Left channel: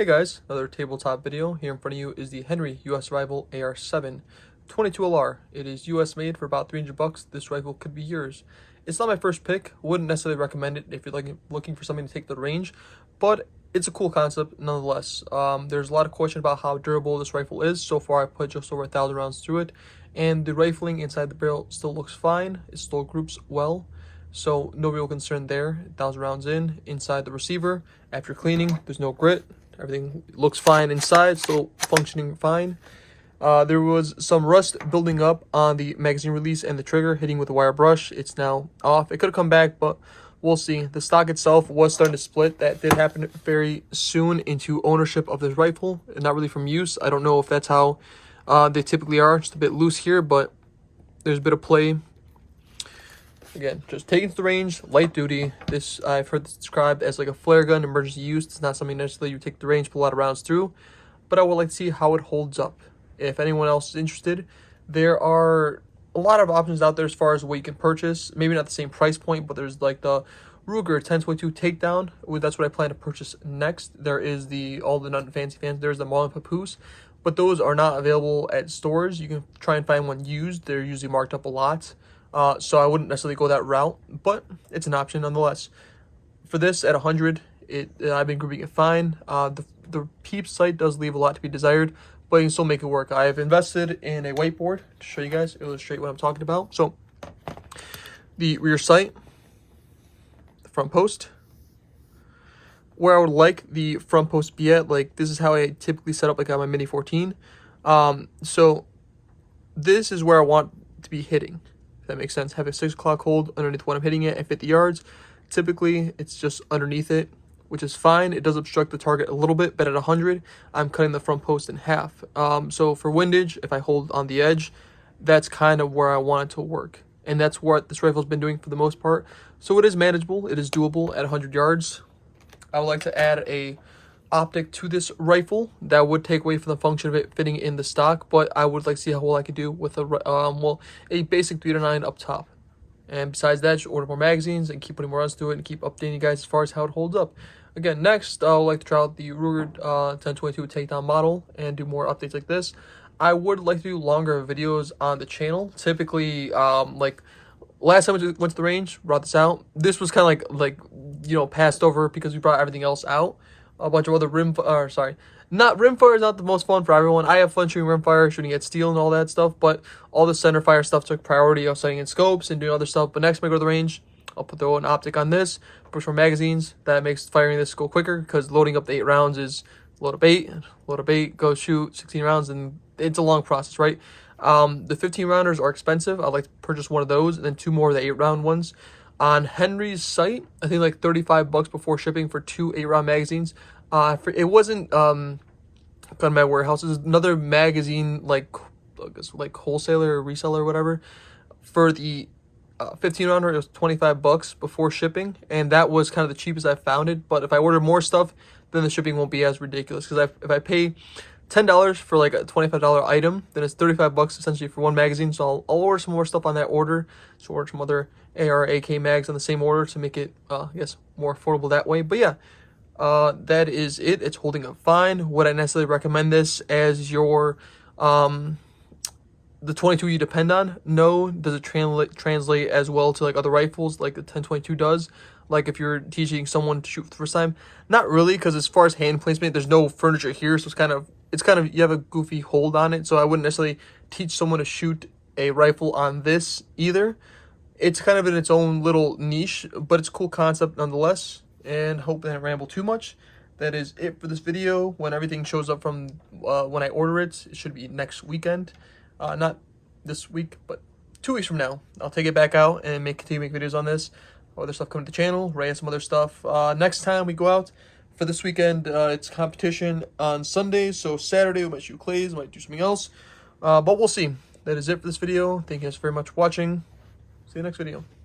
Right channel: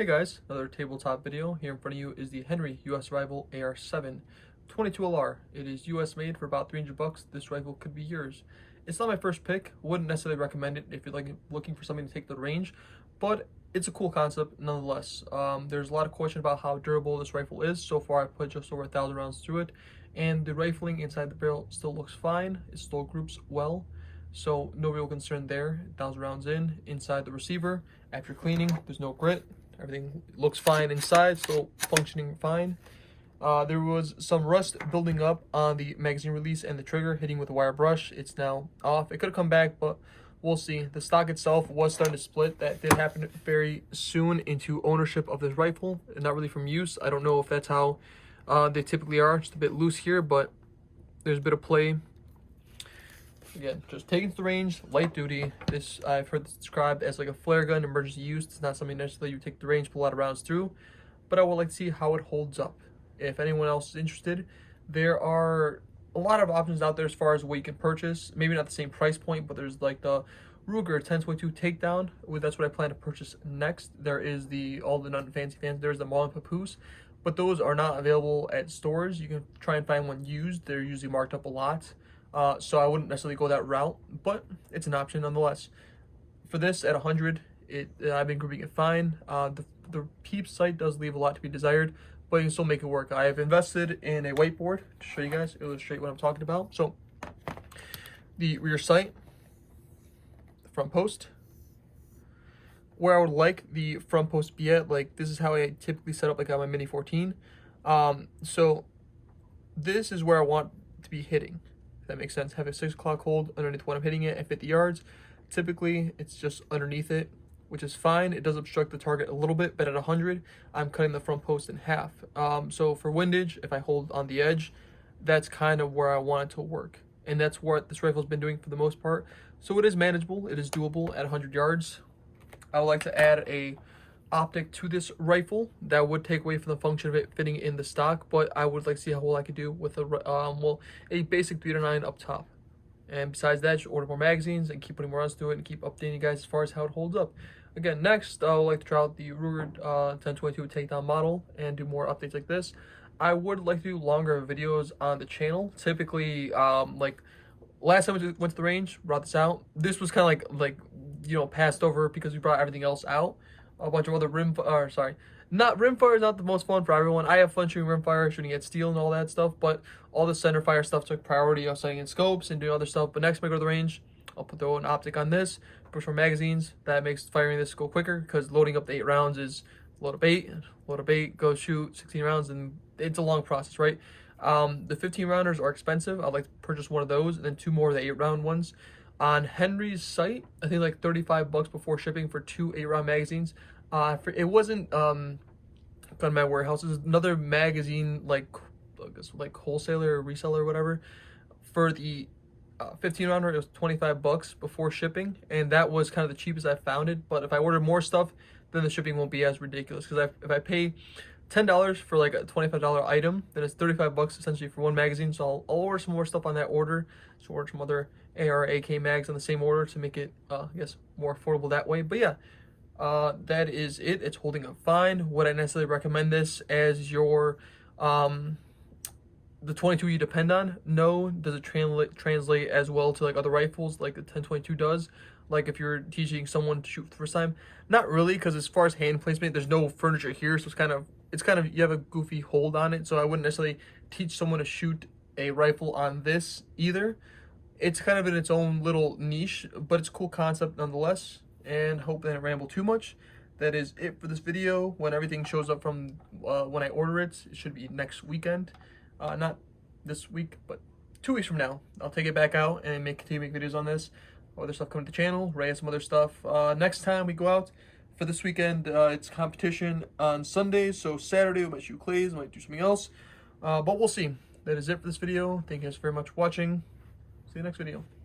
Hey guys, another tabletop video. Here in front of you is the Henry US Rifle AR-7 22LR. It is US made for about 300 bucks. This rifle could be yours. It's not my first pick. Wouldn't necessarily recommend it if you're looking for something to take the range, but it's a cool concept nonetheless. There's a lot of question about how durable this rifle is. So far, I put just over 1,000 rounds through it, and the rifling inside the barrel still looks fine. It still groups well. So no real concern there. 1,000 rounds inside the receiver. After cleaning, there's no grit. Everything looks fine inside, still functioning fine. There was some rust building up on the magazine release and the trigger, hitting with a wire brush. It's now off. It could have come back, but we'll see. The stock itself was starting to split. That did happen very soon into ownership of this rifle, not really from use. I don't know if that's how they typically are. Just a bit loose here, but there's a bit of play. Again, just taking to the range, light duty. This, I've heard this described as like a flare gun, emergency use. It's not something necessarily you take the range, pull a lot of rounds through, but I would like to see how it holds up. If anyone else is interested, there are a lot of options out there as far as what you can purchase. Maybe not the same price point, but there's like the Ruger 1022 Takedown. That's what I plan to purchase next. There is all the Nothing Fancy fans. There's the Marlin Papoose, but those are not available at stores. You can try and find one used. They're usually marked up a lot. So I wouldn't necessarily go that route, but it's an option nonetheless. For this at 100, I've been grouping it fine. The Peeps sight does leave a lot to be desired, but you can still make it work. I have invested in a whiteboard to show you guys, illustrate what I'm talking about. So the rear sight, the front post, where I would like the front post be at, like this is how I typically set up like on my Mini 14. So this is where I want to be hitting. That makes sense. Have a 6 o'clock hold underneath when I'm hitting it at 50 yards. Typically, it's just underneath it, which is fine. It does obstruct the target a little bit, but at 100, I'm cutting the front post in half. So for windage, if I hold on the edge, that's kind of where I want it to work. And that's what this rifle's been doing for the most part. So it is manageable. It is doable at 100 yards. I would like to add a optic to this rifle that would take away from the function of it fitting in the stock, but I would like to see how well I could do with a basic 3-9 up top. And besides that, just order more magazines and keep putting more rounds to it and keep updating you guys as far as how it holds up. Again, next I would like to try out the Ruger 1022 Takedown model and do more updates like this. I would like to do longer videos on the channel. Typically, like last time we went to the range, brought this out. This was kind of like passed over because we brought everything else out. A bunch of other rimfire is not the most fun for everyone. I have fun shooting rimfire, shooting at steel and all that stuff, but all the center fire stuff took priority. I was setting in scopes and doing other stuff, but next time I go to the range, I'll throw an optic on this, push more magazines. That makes firing this go quicker because loading up the 8 rounds is load up 8, go shoot 16 rounds, and it's a long process, right? The 15 rounders are expensive. I'd like to purchase one of those and then 2 more of the 8 round ones. On Henry's site, I think like 35 bucks before shipping for 2 8-round magazines. It wasn't gun my warehouse. It was another magazine like wholesaler or reseller or whatever. For the 15 rounder, it was 25 bucks before shipping, and that was kind of the cheapest I found it. But if I order more stuff, then the shipping won't be as ridiculous. Because if I pay $10 for like a $25 item, then it's 35 bucks essentially for one magazine. So I'll order some more stuff on that order. So order some other AR, AK mags on the same order to make it, I guess, more affordable that way. But yeah, that is it. It's holding up fine. Would I necessarily recommend this as your, the 22 you depend on? No. Does it translate as well to like other rifles like the 1022 does? Like if you're teaching someone to shoot for the first time? Not really, because as far as hand placement, there's no furniture here, so it's kind of you have a goofy hold on it. So I wouldn't necessarily teach someone to shoot a rifle on this either. It's kind of in its own little niche, but it's a cool concept nonetheless. And hope that I didn't ramble too much. That is it for this video. When everything shows up from when I order it, it should be next weekend. Not this week, but 2 weeks from now. I'll take it back out and continue to make videos on this. Other stuff coming to the channel, write some other stuff. Next time we go out for this weekend, it's competition on Sundays. So Saturday we might shoot clays, might do something else. But we'll see. That is it for this video. Thank you guys very much for watching. See you next video.